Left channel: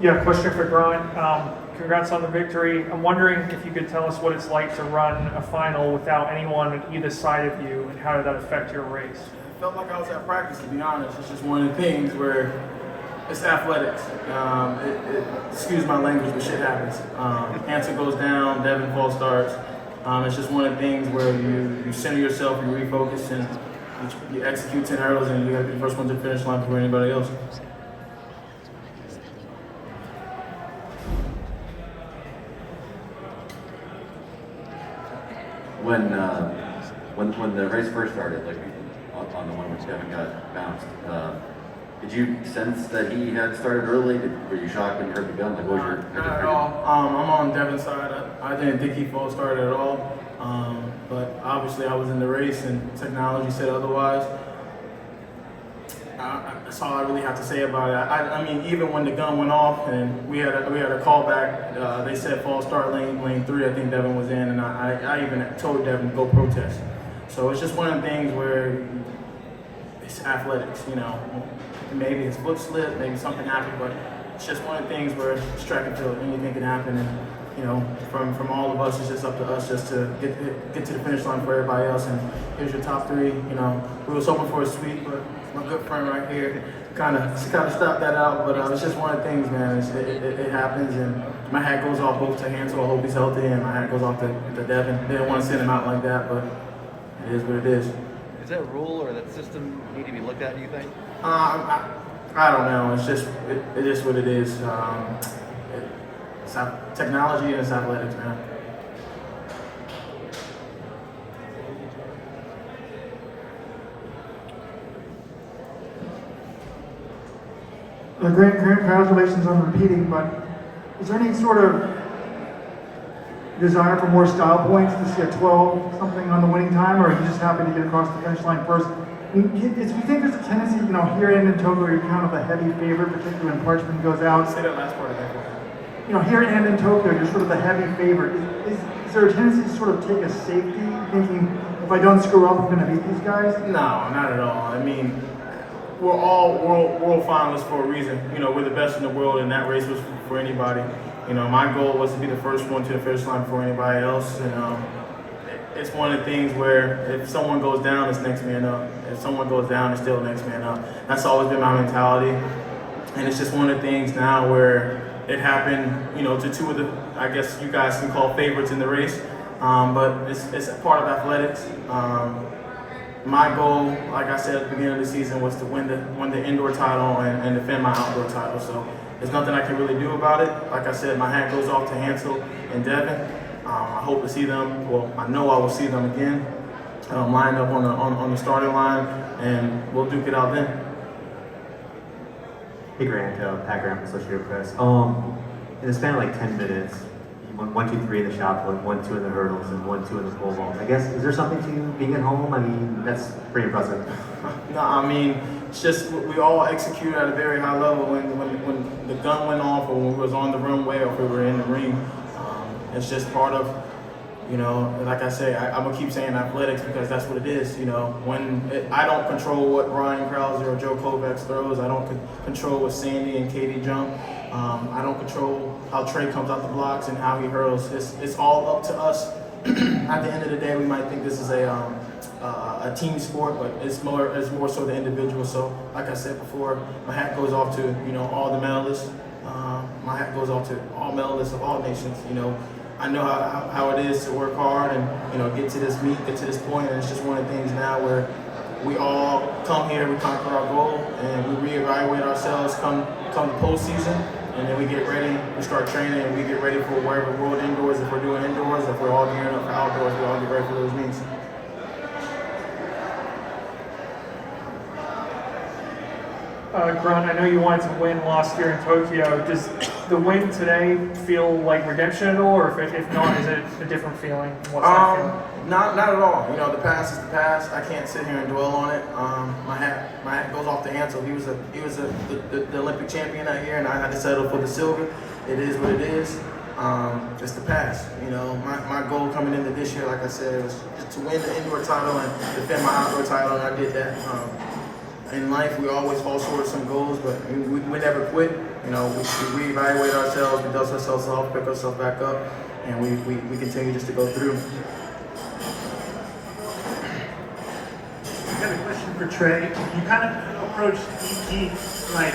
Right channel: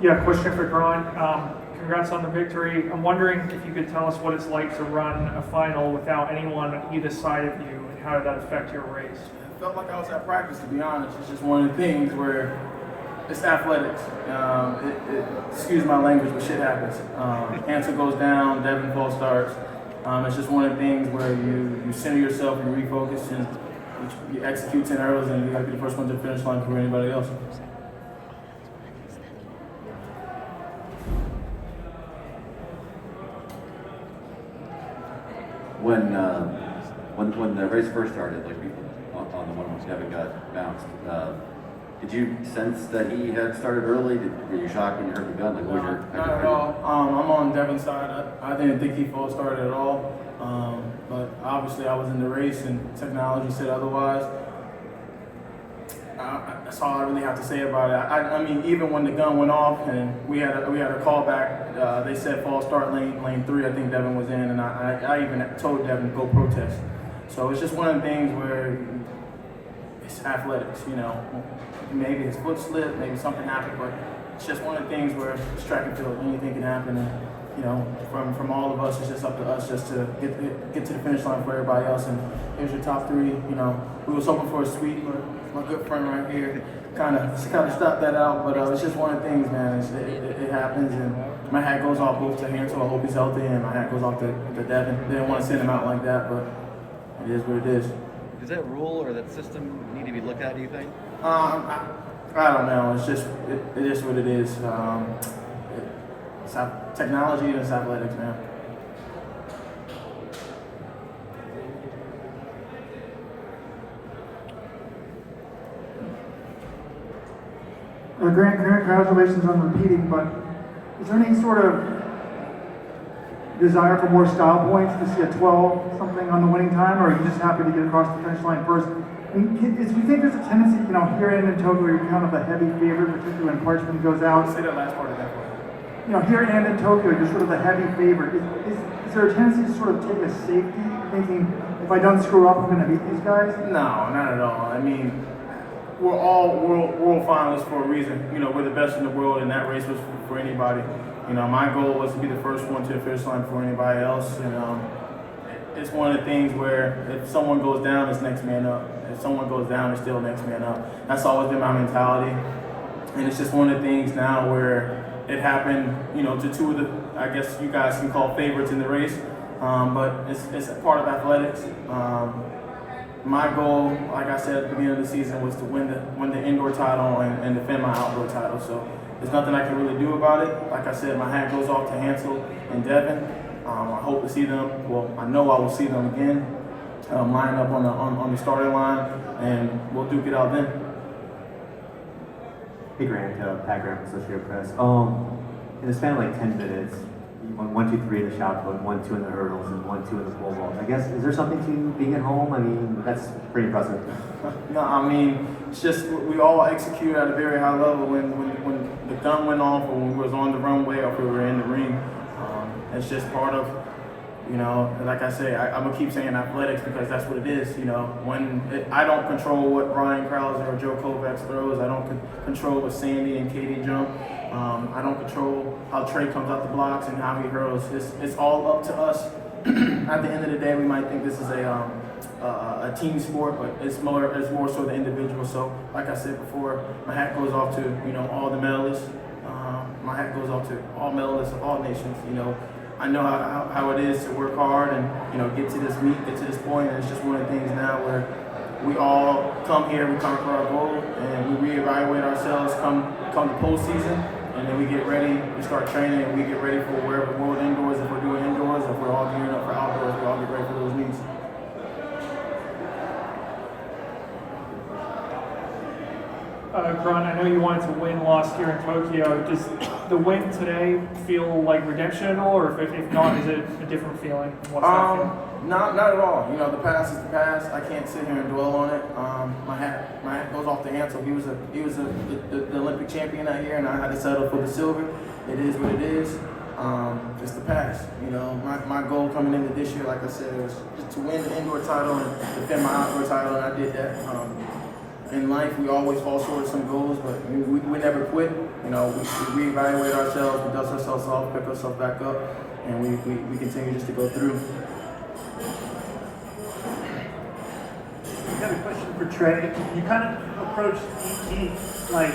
Yeah, question for Grant. Congrats on the victory. I'm wondering if you could tell us what it's like to run a final without anyone on either side of you, and how did that affect your race? It felt like I was at practice, to be honest. It's just one of the things where it's athletics. Excuse my language, but shit happens. Answer goes down, Devon false starts. It's just one of the things where you center yourself, you refocus, and you execute 10 arrows, and you got to be the first one to the finish line before anybody else. When the race first started, like on the one which Devon got bounced, did you sense that he had started early? Were you shocked when you heard the gun? Like, what was your not at all. I'm on Devon's side. I didn't think he false started at all. But obviously I was in the race and technology said otherwise. That's all I really have to say about it. I mean, even when the gun went off and we had a call back, they said false start lane 3. I think Devon was in, and I even told Devon to go protest. So it's just one of the things where it's athletics, you know. Maybe his foot slipped, maybe something happened, but it's just one of the things where it's track and field. Anything can happen, and you know, from all of us, it's just up to us just to get to the finish line for everybody else. And here's your top 3. You know, we was hoping for a sweep, but my good friend right here kind of stopped that out. But it's just one of the things, man. It happens, and my hat goes off both to Hansel. I hope he's healthy, and my hat goes off to Devon. Didn't want to send him out like that, but it is what it is. Is that rule or that system need to be looked at, do you think? I don't know. It's just it is what it is. It's technology and it's athletics, man. Grant, congratulations on repeating, but is there any sort of desire for more style points to see a 12 something on the winning time, or are you just happy to get across the finish line first? I mean, do you think there's a tendency, you know, here and in Tokyo, you're kind of a heavy favorite, particularly when Parchment goes out? Say that last part of that one. You know, here and in Tokyo, you're sort of the heavy favorite. Is there a tendency to sort of take a safety, thinking, if I don't screw up, I'm going to beat these guys? No, not at all. I mean, we're all world finalists for a reason. You know, we're the best in the world, and that race was for anybody. You know, my goal was to be the first one to the finish line before anybody else, and it's one of the things where if someone goes down, it's next man up. If someone goes down, it's still next man up. That's always been my mentality, and it's just one of the things now where it happened, you know, to 2 of the, I guess you guys can call favorites in the race, but it's a part of athletics. My goal, like I said at the beginning of the season, was to win the indoor title and defend my outdoor title. So there's nothing I can really do about it. Like I said, my hat goes off to Hansel and Devon. I hope to see them. Well, I know I will see them again. Line up on the starting line, and we'll duke it out then. Hey Grant, Pat Graham, Associated Press. In the span of like 10 minutes, you went 1, 2, 3 in the shot put, 1, 2 in the hurdles, and 1, 2 in the pole vault. I guess, is there something to being at home? I mean, that's pretty impressive. No, I mean, it's just we all execute at a very high level. When the gun went off, or when we was on the runway, or if we were in the ring, it's just part of, you know, like I say, I'm gonna keep saying athletics because that's what it is. You know, I don't control what Ryan Krause or Joe Kovacs throws. I don't control what Sandy and Katie jump. I don't control how Trey comes out the blocks and how he hurls. It's all up to us. At the end of the day, we might think this is a team sport, but it's more so the individual. So, like I said before, my hat goes off to, you know, all the medalists. My hat goes off to all medalists of all nations. You know, I know how it is to work hard and, you know, get to this meet, get to this point, and it's just one of the things now where we all come here, we conquer our goal, and we reevaluate ourselves come the postseason, and then we get ready, we start training, and we get ready for wherever world indoors, if we're doing indoors, if we're all gearing up for outdoors, we all get ready for those meets. Grant, I know you wanted to win last year in Tokyo. Does the win today feel like redemption at all, or if not, is it a different feeling? What's that feeling? Not at all. You know, the past is the past. I can't sit here and dwell on it. My hat goes off to Hansel. He was the Olympic champion that year, and I had to settle for the silver. It is what it is. It's the past. You know, my goal coming into this year, like I said, was just to win the indoor title and defend my outdoor title, and I did that. in life, we always fall short of some goals, but we never quit. You know, we reevaluate ourselves, we dust ourselves off, pick ourselves back up, and we continue just to go through. I got a question for Trey. You kind of approached EP like